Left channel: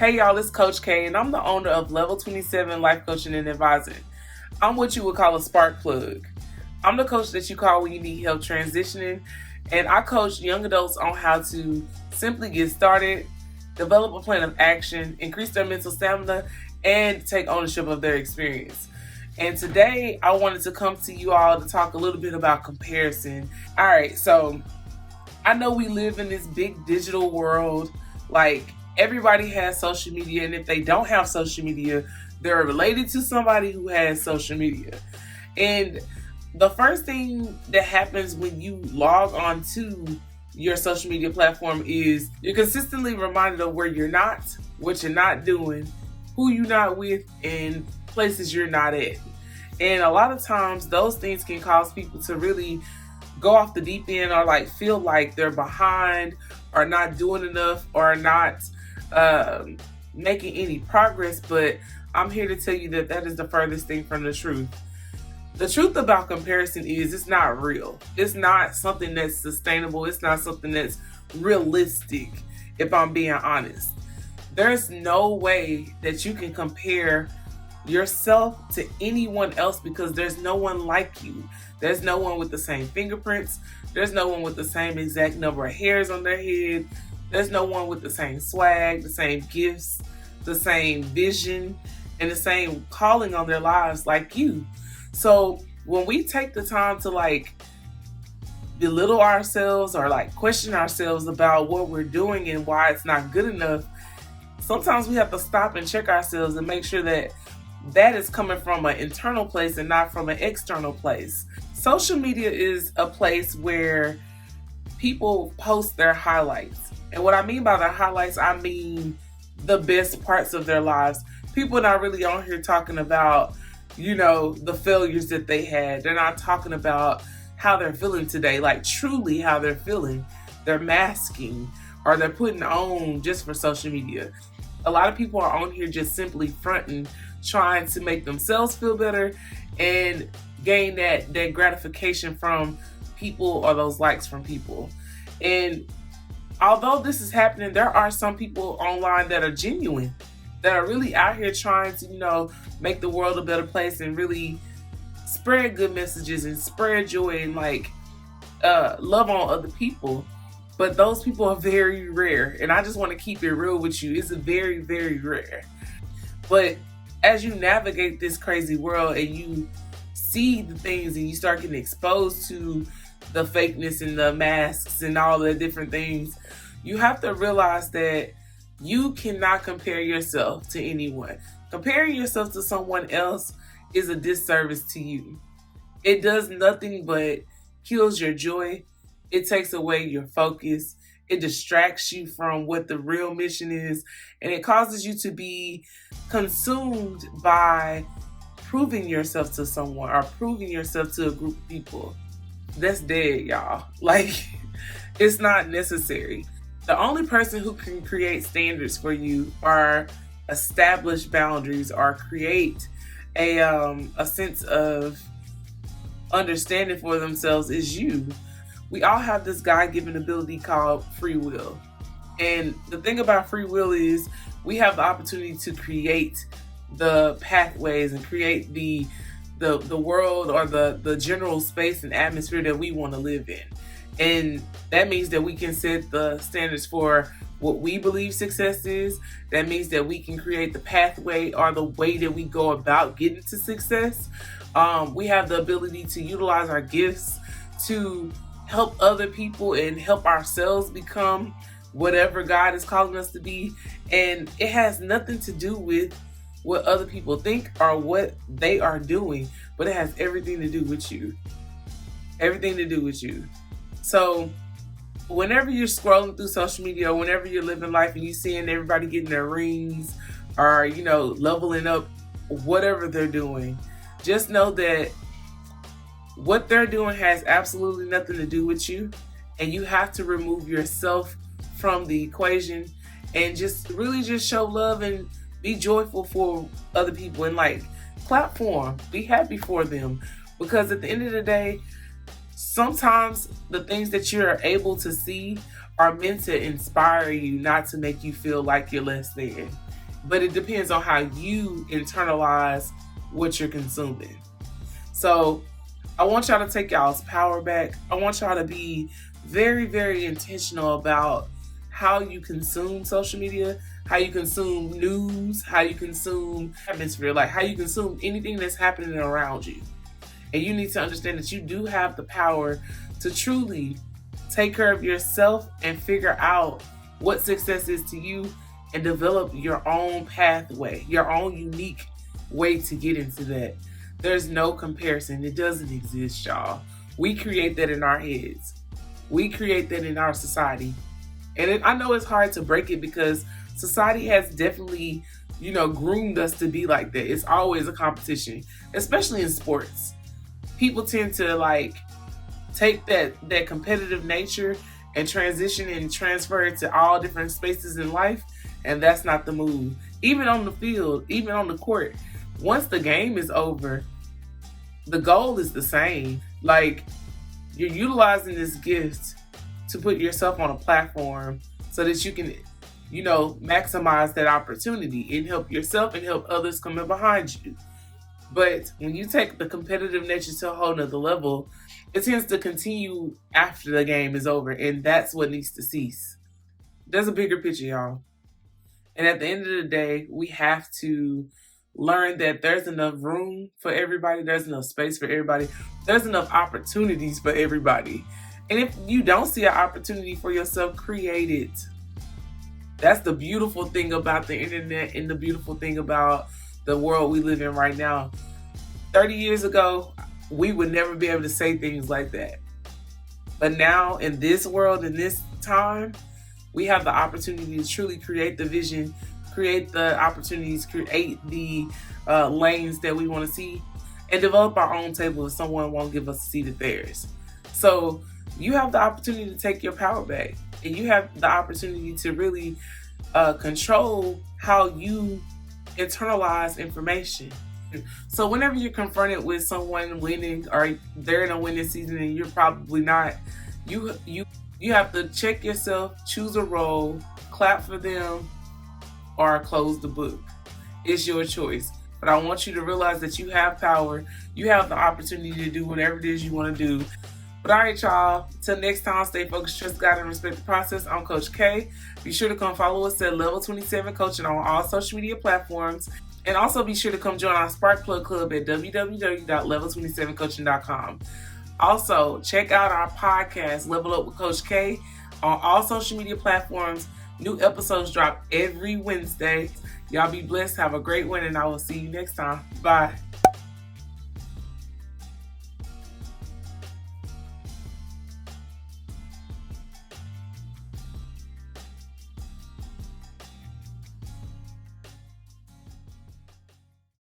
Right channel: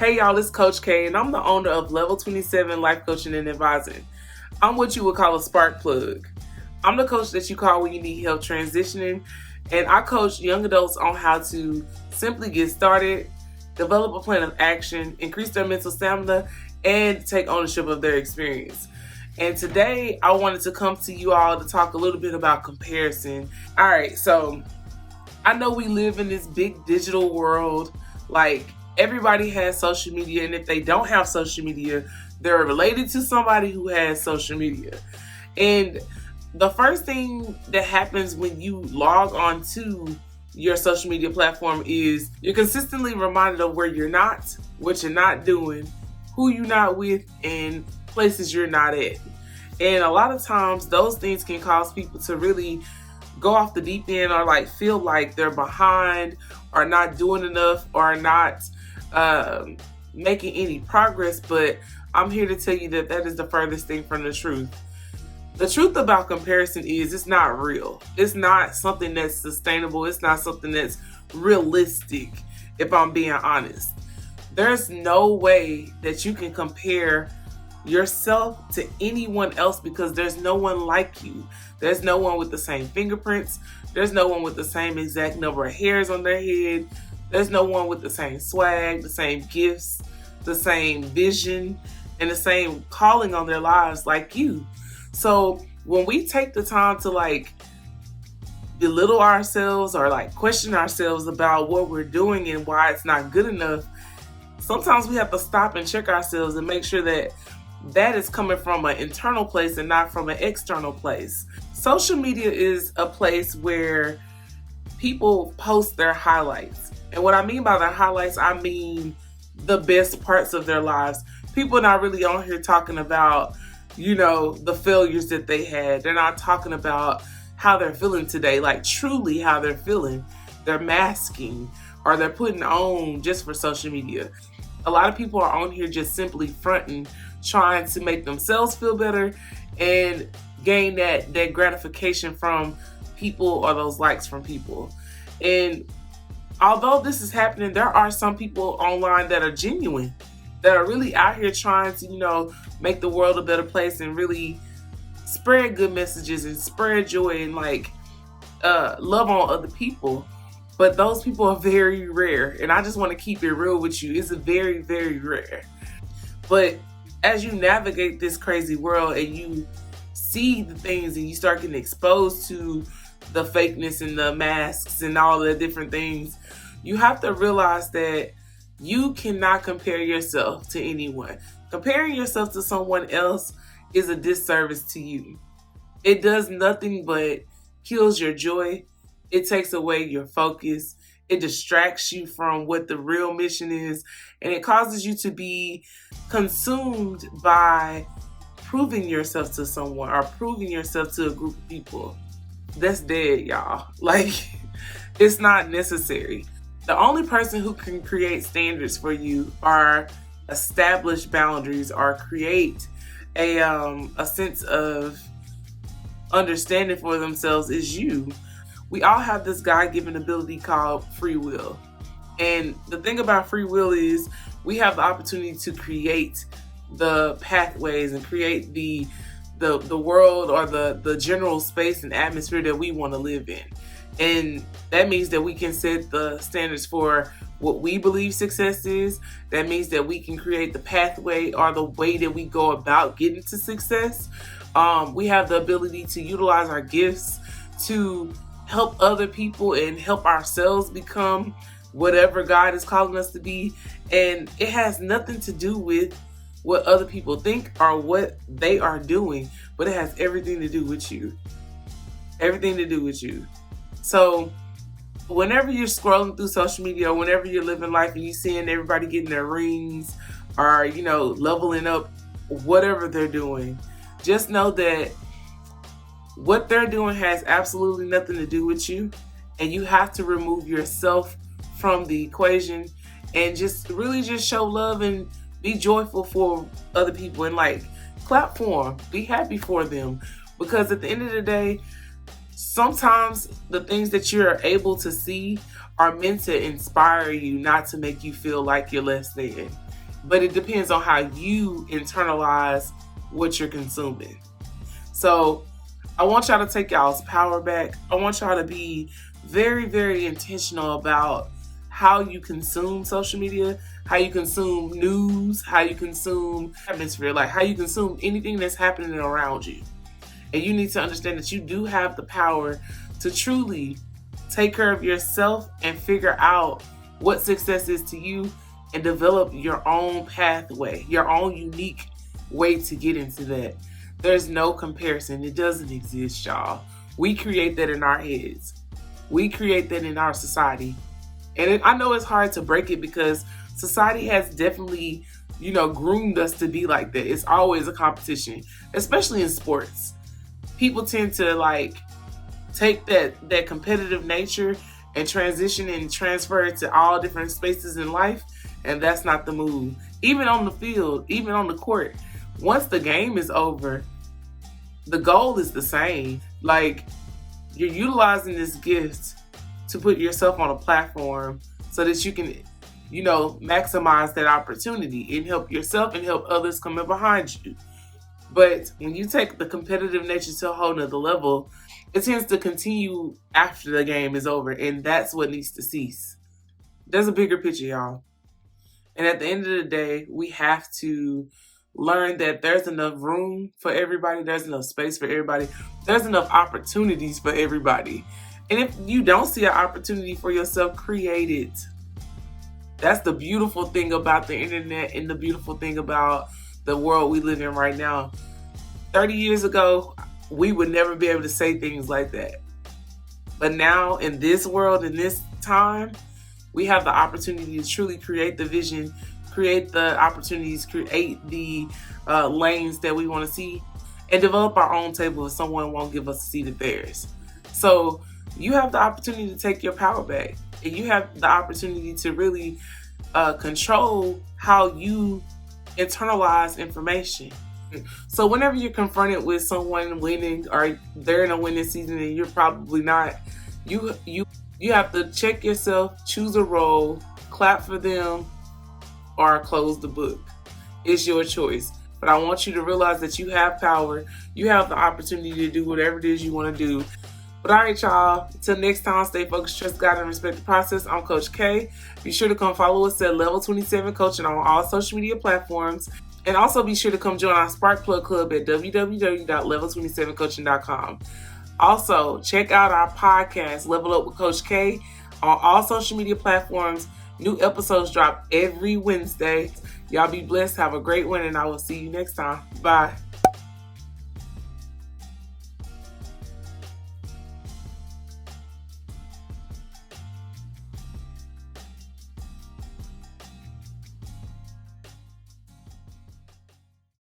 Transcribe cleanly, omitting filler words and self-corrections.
Hey y'all, it's Coach K, and I'm the owner of Level 27 Life Coaching and Advising. I'm what you would call a spark plug. I'm the coach that you call when you need help transitioning, and I coach young adults on how to simply get started, develop a plan of action, increase their mental stamina, and take ownership of their experience. And today, I wanted to come to you all to talk a little bit about comparison. All right, so I know we live in this big digital world, like everybody has social media, and if they don't have social media, they're related to somebody who has social media. And the first thing that happens when you log on to your social media platform is you're consistently reminded of where you're not, what you're not doing, who you're not with, and places you're not at. And a lot of times those things can cause people to really go off the deep end, or like feel like they're behind, or not doing enough, or not making any progress. But I'm here to tell you that that is the furthest thing from the truth. The truth about comparison is it's not real. It's not something that's sustainable. It's not something that's realistic, if I'm being honest. There's no way that you can compare yourself to anyone else, because there's no one like you. There's no one with the same fingerprints. There's no one with the same exact number of hairs on their head. There's no one with the same swag, the same gifts, the same vision, and the same calling on their lives like you. So when we take the time to like belittle ourselves, or like question ourselves about what we're doing and why it's not good enough, sometimes we have to stop and check ourselves and make sure that that is coming from an internal place and not from an external place. Social media is a place where people post their highlights. And what I mean by their highlights, I mean the best parts of their lives. People are not really on here talking about, the failures that they had. They're not talking about how they're feeling today, like truly how they're feeling. They're masking, or they're putting on just for social media. A lot of people are on here just simply fronting, trying to make themselves feel better and gain that gratification from people, or those likes from people. And although this is happening, there are some people online that are genuine, that are really out here trying to, make the world a better place and really spread good messages and spread joy and love on other people. But those people are very rare. And I just want to keep it real with you. It's very, very rare. But as you navigate this crazy world and you see the things and you start getting exposed to the fakeness and the masks and all the different things, you have to realize that you cannot compare yourself to anyone. Comparing yourself to someone else is a disservice to you. It does nothing but kills your joy. It takes away your focus. It distracts you from what the real mission is. And it causes you to be consumed by proving yourself to someone, or proving yourself to a group of people. That's dead, y'all. It's not necessary. The only person who can create standards for you, or establish boundaries, or create a sense of understanding for themselves is you. We all have this God-given ability called free will. And the thing about free will is we have the opportunity to create the pathways and create the world, or the general space and atmosphere that we want to live in. And that means that we can set the standards for what we believe success is. That means that we can create the pathway, or the way that we go about getting to success. We have the ability to utilize our gifts to help other people and help ourselves become whatever God is calling us to be. And it has nothing to do with what other people think or what they are doing, but it has everything to do with you. Everything to do with you. So whenever you're scrolling through social media, or whenever you're living life and you're seeing everybody getting their rings, or, leveling up, whatever they're doing, just know that what they're doing has absolutely nothing to do with you. And you have to remove yourself from the equation and just really just show love and be joyful for other people, and clap for them, be happy for them. Because at the end of the day, sometimes the things that you're able to see are meant to inspire you, not to make you feel like you're less than. But it depends on how you internalize what you're consuming. So I want y'all to take y'all's power back. I want y'all to be very, very intentional about how you consume social media, how you consume news, how you consume atmosphere, like how you consume anything that's happening around you. And you need to understand that you do have the power to truly take care of yourself and figure out what success is to you and develop your own pathway, your own unique way to get into that. There's no comparison. It doesn't exist, y'all. We create that in our heads. We create that in our society. And I know it's hard to break it because society has definitely, groomed us to be like that. It's always a competition, especially in sports. People tend to take that competitive nature and transition and transfer it to all different spaces in life. And that's not the move. Even on the field, even on the court, once the game is over, the goal is the same. You're utilizing this gift to put yourself on a platform so that you can, maximize that opportunity and help yourself and help others come in behind you. But when you take the competitive nature to a whole nother level, it tends to continue after the game is over, and that's what needs to cease. There's a bigger picture, y'all. And at the end of the day, we have to learn that there's enough room for everybody, there's enough space for everybody, there's enough opportunities for everybody. And if you don't see an opportunity for yourself, create it. That's the beautiful thing about the internet and the beautiful thing about the world we live in right now. 30 years ago, we would never be able to say things like that. But now in this world, in this time, we have the opportunity to truly create the vision, create the opportunities, create the lanes that we want to see, and develop our own table if someone won't give us a seat at theirs. So you have the opportunity to take your power back, and you have the opportunity to really control how you internalize information. So whenever you're confronted with someone winning or they're in a winning season and you're probably not, you have to check yourself, choose a role, clap for them, or close the book. It's your choice. But I want you to realize that you have power. You have the opportunity to do whatever it is you want to do. But all right, y'all. Till next time, stay focused, trust God, and respect the process. I'm Coach K. Be sure to come follow us at Level 27 Coaching on all social media platforms. And also be sure to come join our Spark Plug Club at www.level27coaching.com. Also, check out our podcast, Level Up with Coach K, on all social media platforms. New episodes drop every Wednesday. Y'all be blessed. Have a great one, and I will see you next time. Bye.